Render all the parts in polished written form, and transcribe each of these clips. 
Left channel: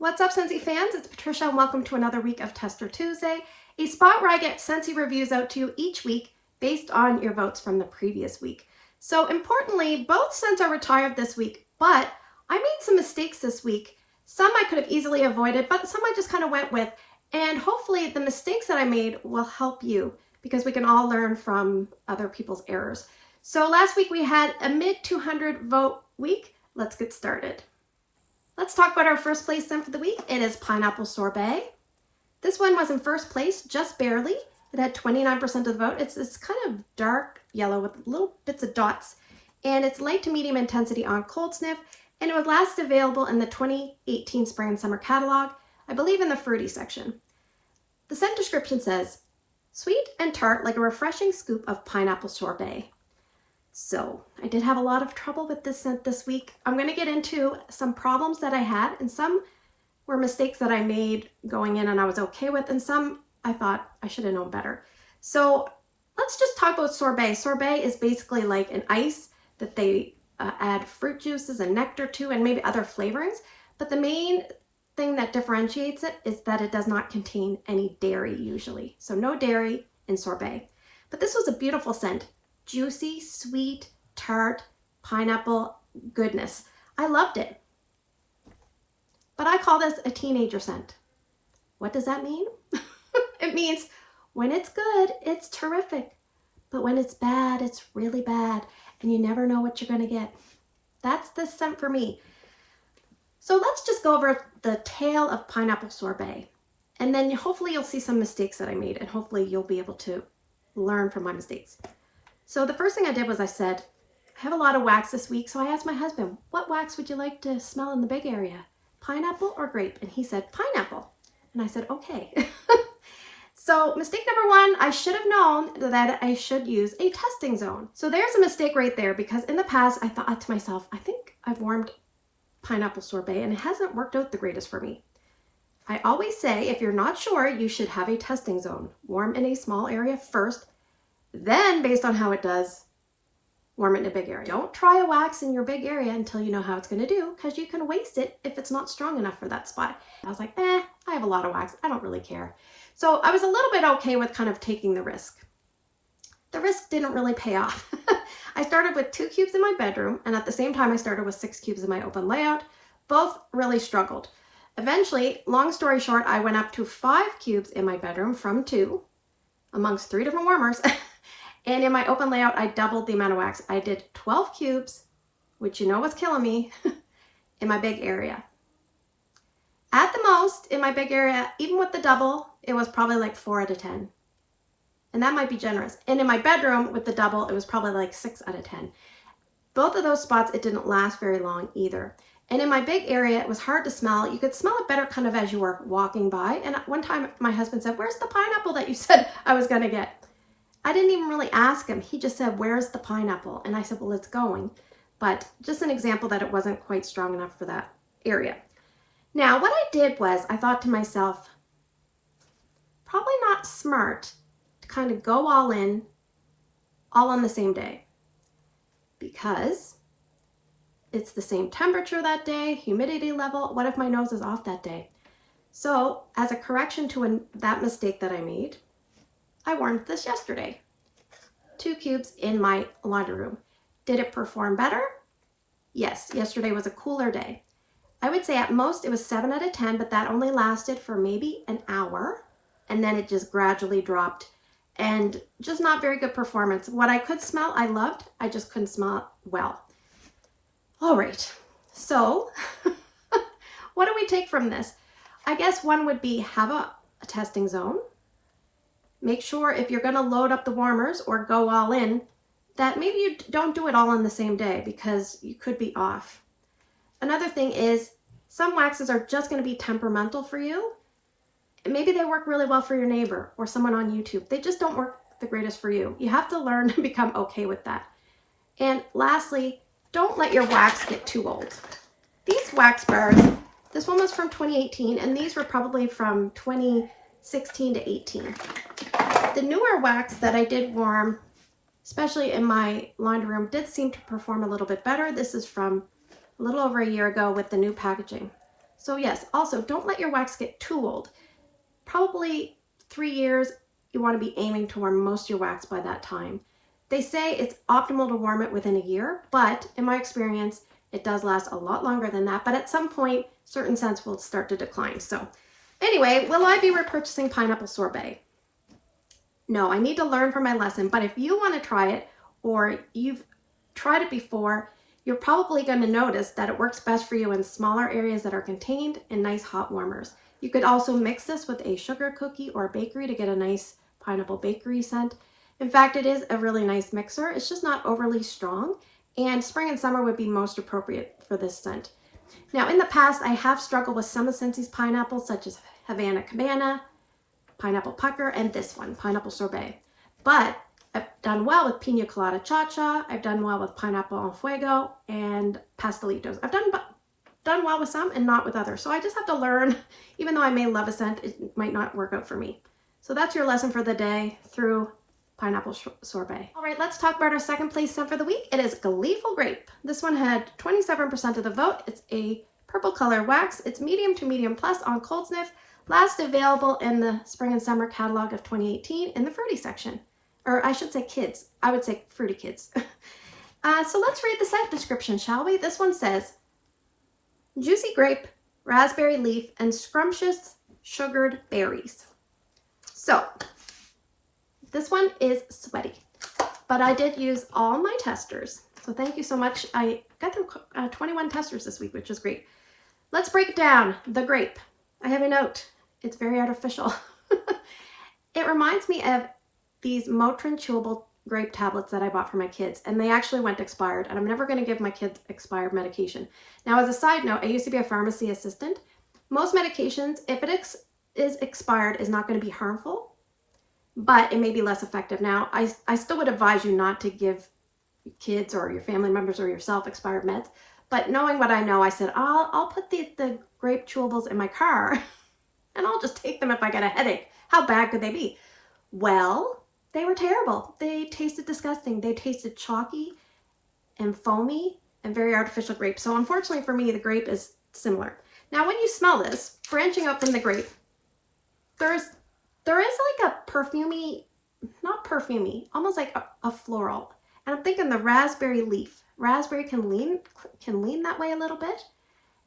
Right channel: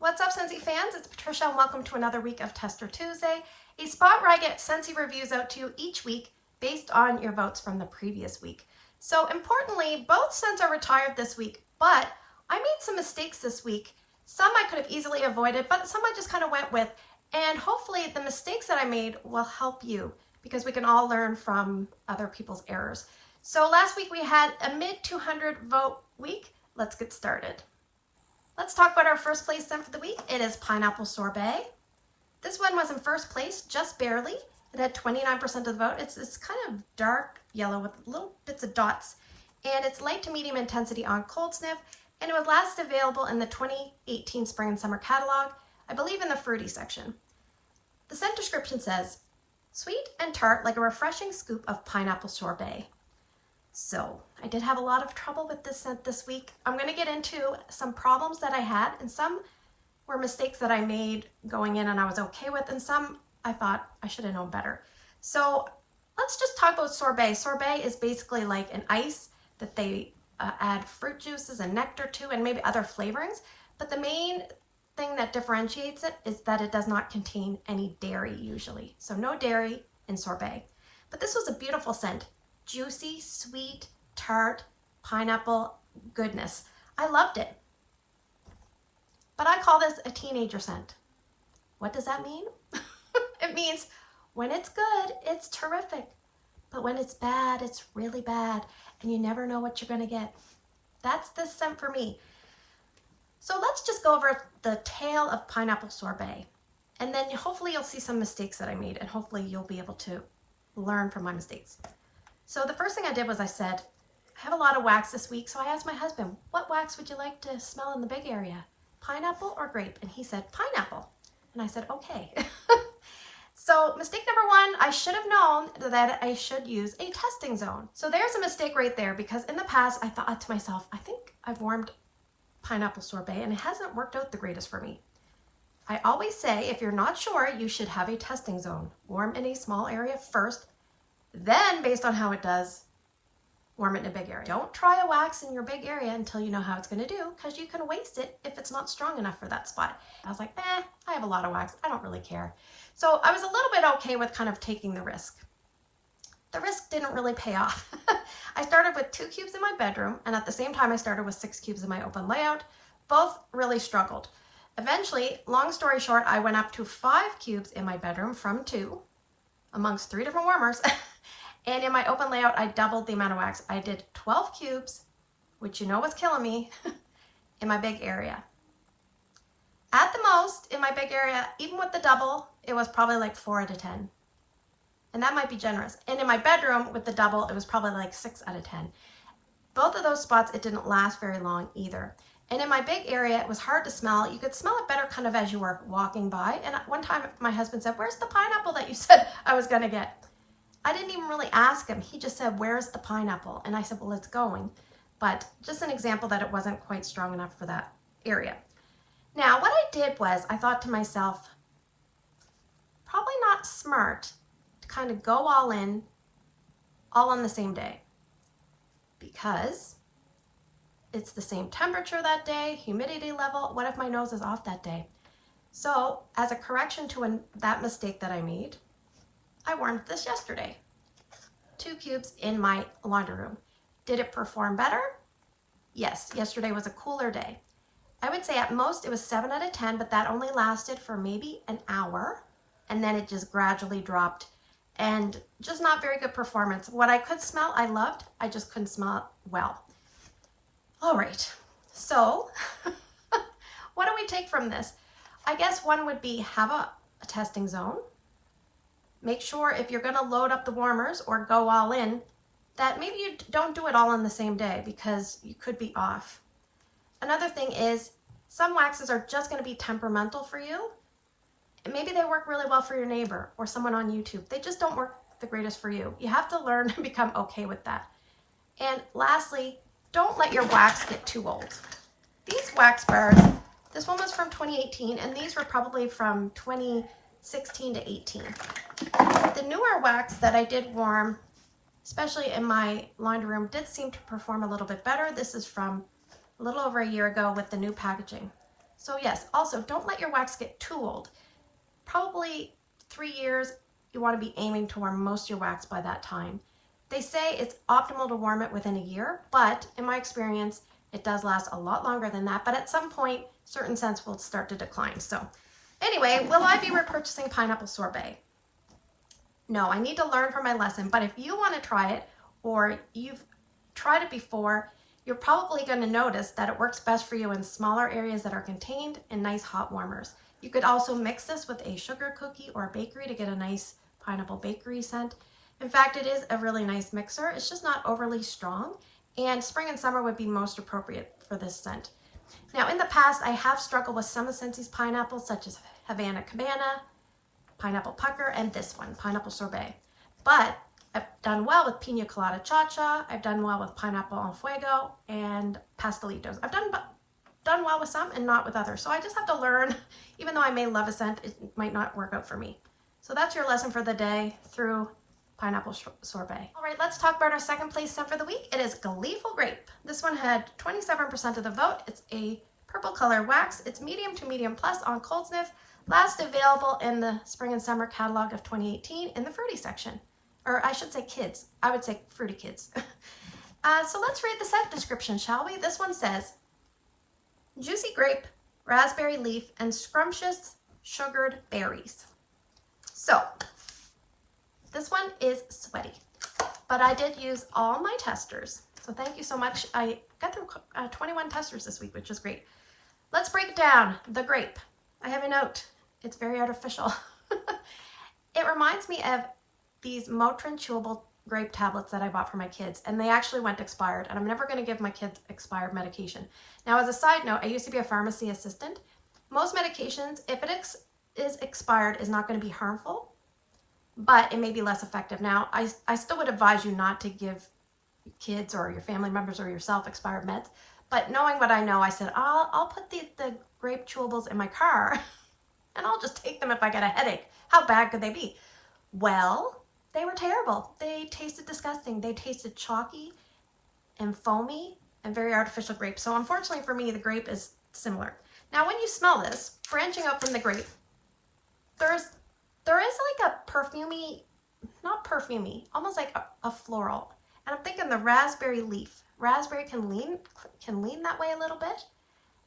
What's up, Scentsy fans? It's Patricia and welcome to another week of Tester Tuesday, a spot where I get Scentsy reviews out to you each week based on your votes from the previous week. So importantly, both scents are retired this week, but I made some mistakes this week. Some I could have easily avoided, but some I just kind of went with. And hopefully the mistakes that I made will help you because we can all learn from other people's errors. So last week we had a mid 200 vote week. Let's get started. Let's talk about our first place scent for the week. It is Pineapple Sorbet. This one was in first place, just barely. It had 29% of the vote. It's this kind of dark yellow with little bits of dots, and it's light to medium intensity on cold sniff, and it was last available in the 2018 Spring and Summer catalog, I believe in the fruity section. The scent description says, sweet and tart like a refreshing scoop of pineapple sorbet. So I did have a lot of trouble with this scent this week. I'm going to get into some problems that I had, and some were mistakes that I made going in and I was okay with, and some I thought I should have known better. So let's just talk about sorbet. Sorbet is basically like an ice that they add fruit juices and nectar to and maybe other flavorings, but the main thing that differentiates it is that it does not contain any dairy usually. So no dairy in sorbet. But this was a beautiful scent. Juicy, sweet, tart, pineapple goodness. I loved it. But I call this a teenager scent. What does that mean? It means when it's good, it's terrific. But when it's bad, it's really bad. And you never know what you're going to get. That's this scent for me. So let's just go over the tale of pineapple sorbet. And then hopefully you'll see some mistakes that I made. And hopefully you'll be able to learn from my mistakes. So the first thing I did was I said, I have a lot of wax this week. So I asked my husband, what wax would you like to smell in the big area? Pineapple or grape? And he said, pineapple. And I said, okay. So mistake number one, I should have known that I should use a testing zone. So there's a mistake right there, because in the past I thought to myself, I think I've warmed pineapple sorbet and it hasn't worked out the greatest for me. I always say, if you're not sure, you should have a testing zone. Warm in a small area first, then based on how it does, warm it in a big area. Don't try a wax in your big area until you know how it's going to do, because you can waste it if it's not strong enough for that spot. I was like, I have a lot of wax. I don't really care. So I was a little bit okay with kind of taking the risk. The risk didn't really pay off. I started with 2 cubes in my bedroom, and at the same time I started with 6 cubes in my open layout. Both really struggled. Eventually, long story short, I went up to 5 cubes in my bedroom from 2 amongst 3 different warmers. And in my open layout, I doubled the amount of wax. I did 12 cubes, which you know was killing me, in my big area. At the most, in my big area, even with the double, it was probably like 4 out of 10. And that might be generous. And in my bedroom, with the double, it was probably like 6 out of 10. Both of those spots, it didn't last very long either. And in my big area, it was hard to smell. You could smell it better kind of as you were walking by. And one time, my husband said, where's the pineapple that you said I was going to get? I didn't even really ask him. He just said, where's the pineapple? And I said, well, it's going. But just an example that it wasn't quite strong enough for that area. Now, what I did was I thought to myself, probably not smart to kind of go all in, all on the same day, because it's the same temperature that day, humidity level. What if my nose is off that day? So as a correction to that mistake that I made, I warmed this yesterday. 2 cubes in my laundry room. Did it perform better? Yes, yesterday was a cooler day. I would say at most it was 7 out of 10, but that only lasted for maybe an hour. And then it just gradually dropped, and just not very good performance. What I could smell, I loved. I just couldn't smell it well. All right. So what do we take from this? I guess one would be have a testing zone. Make sure if you're going to load up the warmers or go all in, that maybe you don't do it all on the same day, because you could be off. Another thing is some waxes are just going to be temperamental for you. And maybe they work really well for your neighbor or someone on YouTube. They just don't work the greatest for you. You have to learn to become okay with that. And lastly, don't let your wax get too old. These wax bars, this one was from 2018, and these were probably from 2016 to 18. The newer wax that I did warm, especially in my laundry room, did seem to perform a little bit better. This is from a little over a year ago with the new packaging. So yes, also don't let your wax get too old. Probably 3 years, you want to be aiming to warm most of your wax by that time. They say it's optimal to warm it within a year, but in my experience, it does last a lot longer than that. But at some point, certain scents will start to decline. So anyway, will I be repurchasing pineapple sorbet? No, I need to learn from my lesson. But if you want to try it, or you've tried it before, you're probably going to notice that it works best for you in smaller areas that are contained in nice hot warmers. You could also mix this with a sugar cookie or bakery to get a nice pineapple bakery scent. In fact, it is a really nice mixer. It's just not overly strong, and spring and summer would be most appropriate for this scent. Now, in the past, I have struggled with some of Scentsy's pineapples, such as Havana Cabana, Pineapple Pucker, and this one, Pineapple Sorbet. But I've done well with Pina Colada Cha-Cha. I've done well with Pineapple en Fuego and Pastelitos. I've done well with some and not with others. So I just have to learn. Even though I may love a scent, it might not work out for me. So that's your lesson for the day through pineapple sorbet. All right, let's talk about our second place scent for the week. It is Gleeful Grape. This one had 27% of the vote. It's a purple color wax. It's medium to medium plus on cold sniff. Last available in the spring and summer catalog of 2018 in the fruity section. Or I should say kids. I would say fruity kids. So let's read the scent description, shall we? This one says, juicy grape, raspberry leaf, and scrumptious sugared berries. So this one is sweaty, but I did use all my testers. So thank you so much. I got through 21 testers this week, which is great. Let's break down the grape. I have a note. It's very artificial. It reminds me of these Motrin chewable grape tablets that I bought for my kids, and they actually went expired, and I'm never going to give my kids expired medication. Now, as a side note, I used to be a pharmacy assistant. Most medications, if it is expired, is not going to be harmful, but it may be less effective. Now, I still would advise you not to give kids or your family members or yourself expired meds, but knowing what I know, I said, I'll put the grape chewables in my car, and I'll just take them if I get a headache. How bad could they be? Well, they were terrible. They tasted disgusting. They tasted chalky and foamy and very artificial grape. So unfortunately for me, the grape is similar. Now, when you smell this, branching out from the grape, there is like a perfumey, not perfumey, almost like a floral. And I'm thinking the raspberry leaf. Raspberry can lean that way a little bit.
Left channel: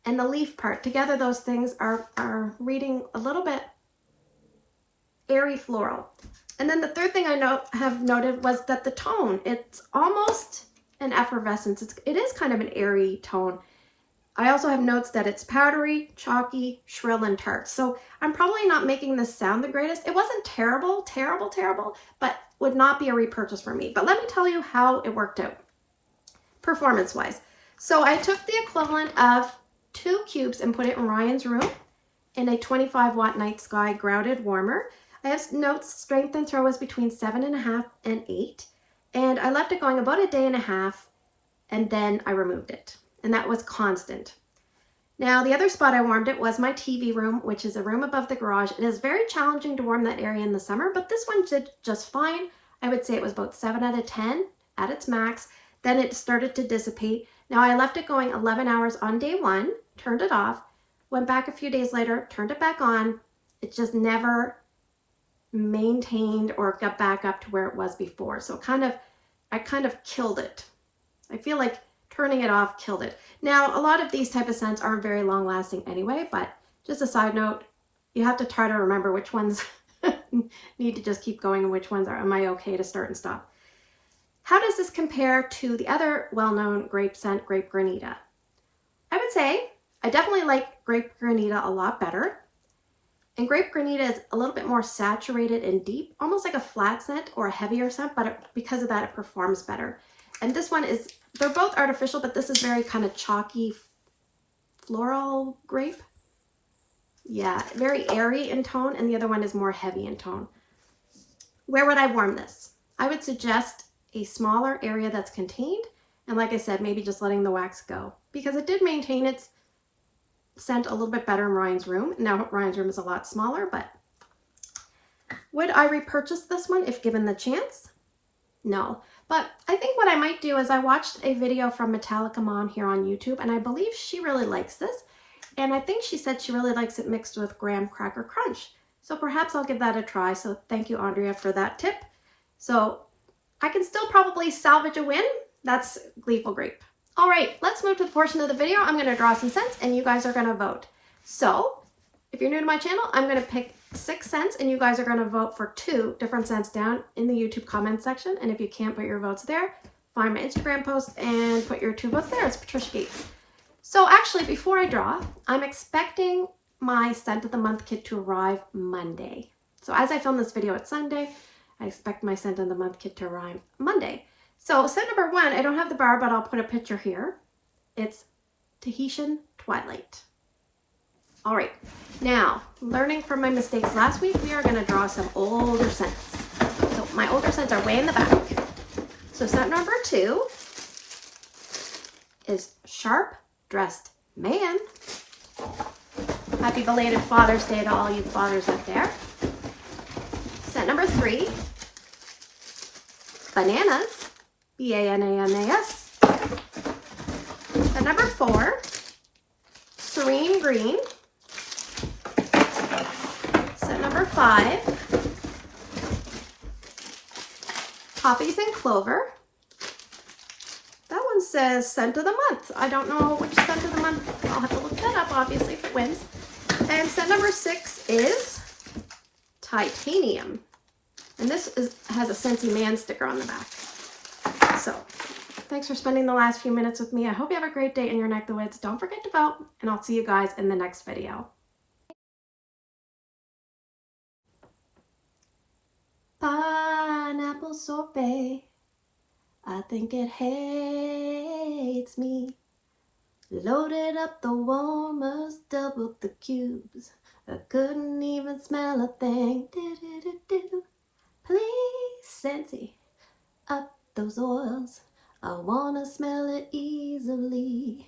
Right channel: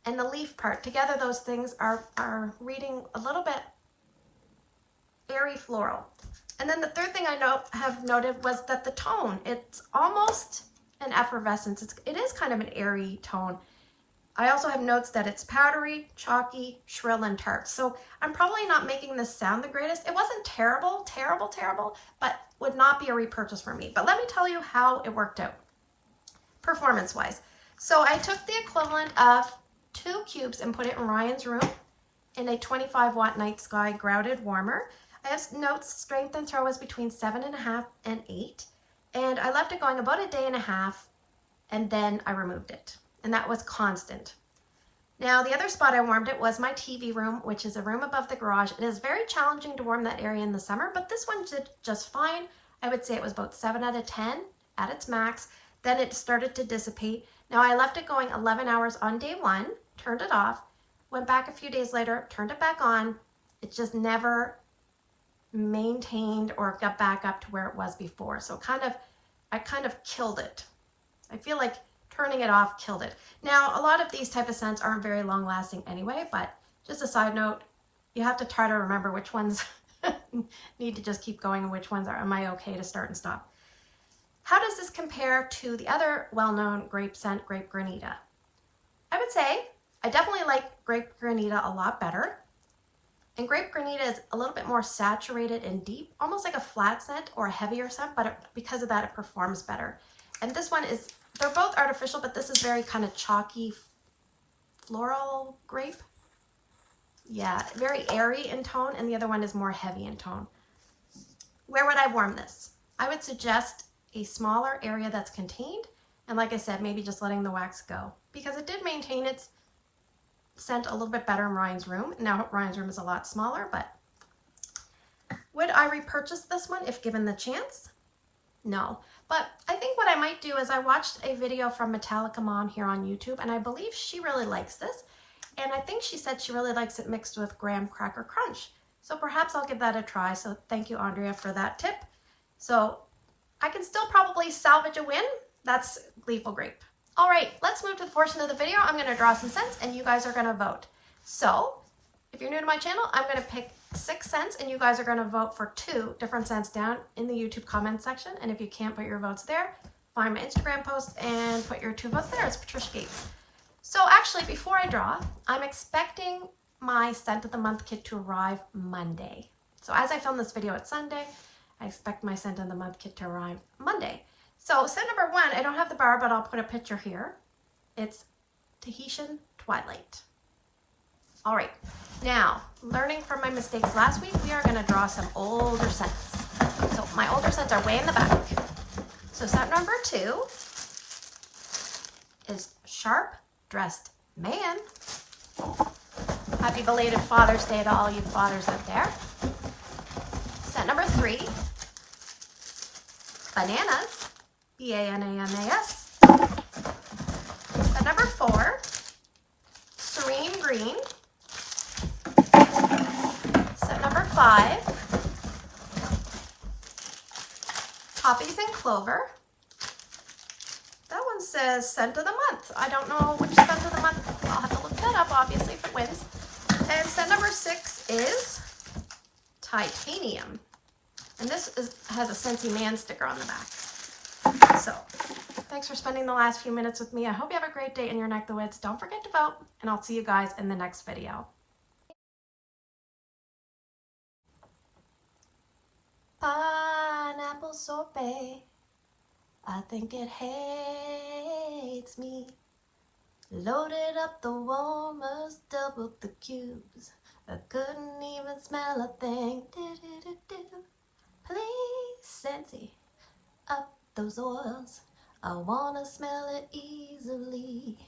And the leaf part, together those things are reading a little bit airy floral. And then the third thing I have noted was that the tone, it's almost an effervescence. It is kind of an airy tone. I also have notes that it's powdery, chalky, shrill, and tart. So I'm probably not making this sound the greatest. It wasn't terrible, but would not be a repurchase for me. But let me tell you how it worked out, performance-wise. So I took the equivalent of 2 cubes and put it in Ryan's room in a 25-watt Night Sky grouted warmer. I have notes strength and throw was between 7.5 and 8. And I left it going about a day and a half, and then I removed it. And that was constant. Now, the other spot I warmed it was my TV room, which is a room above the garage. It is very challenging to warm that area in the summer, but this one did just fine. I would say it was about 7 out of 10 at its max. Then it started to dissipate. Now, I left it going 11 hours on day 1, turned it off, went back a few days later, turned it back on. It just never maintained or got back up to where it was before. So I kind of killed it. I feel like turning it off killed it. Now, a lot of these type of scents aren't very long lasting anyway, but just a side note, you have to try to remember which ones need to just keep going and which ones am I okay to start and stop. How does this compare to the other well-known grape scent, Grape Granita? I would say I definitely like Grape Granita a lot better. And Grape Granita is a little bit more saturated and deep, almost like a flat scent or a heavier scent, but because of that, it performs better. And this one is, they're both artificial, but this is very kind of chalky floral grape. Yeah, very airy in tone, and the other one is more heavy in tone. Where would I warm this? I would suggest a smaller area that's contained, and like I said, maybe just letting the wax go, because it did maintain its scent a little bit better in Ryan's room. Now Ryan's room is a lot smaller, but would I repurchase this one if given the chance? No. But I think what I might do is I watched a video from Metallica Mom here on YouTube, and I believe she really likes this. And I think she said she really likes it mixed with graham cracker crunch. So perhaps I'll give that a try. So thank you, Andrea, for that tip. So I can still probably salvage a win. That's Gleeful Grape. All right, let's move to the portion of the video. I'm going to draw some scents and you guys are going to vote. So if you're new to my channel, I'm going to pick 6 scents and you guys are going to vote for 2 different scents down in the YouTube comment section. And if you can't put your votes there, find my Instagram post and put your 2 votes there. It's Patricia Gates. So actually, before I draw, I'm expecting my scent of the month kit to arrive Monday. So as I film this video, it's Sunday. I expect my scent of the month kit to arrive Monday. So scent number 1, I don't have the bar, but I'll put a picture here. It's Tahitian Twilight. All right, now learning from my mistakes last week, we are going to draw some older scents. So my older scents are way in the back. So scent number 2 is Sharp Dressed Man. Happy belated Father's Day to all you fathers out there. Scent number 3, Bananas, B-A-N-A-N-A-S. Scent number 4, Serene Green. Scent number 5, Poppies and Clover. That one says scent of the month. I don't know which scent of the month. I'll have to look that up, obviously, if it wins. And scent number 6 is Titanium. And this has a Scentsy man sticker on the back. So, thanks for spending the last few minutes with me. I hope you have a great day in your neck of the woods. Don't forget to vote, and I'll see you guys in the next video. Pineapple sorbet, I think it hates me. Loaded up the warmers, doubled the cubes. I couldn't even smell a thing. Do-do-do-do. Please, Scentsy, up those oils. I wanna smell it easily.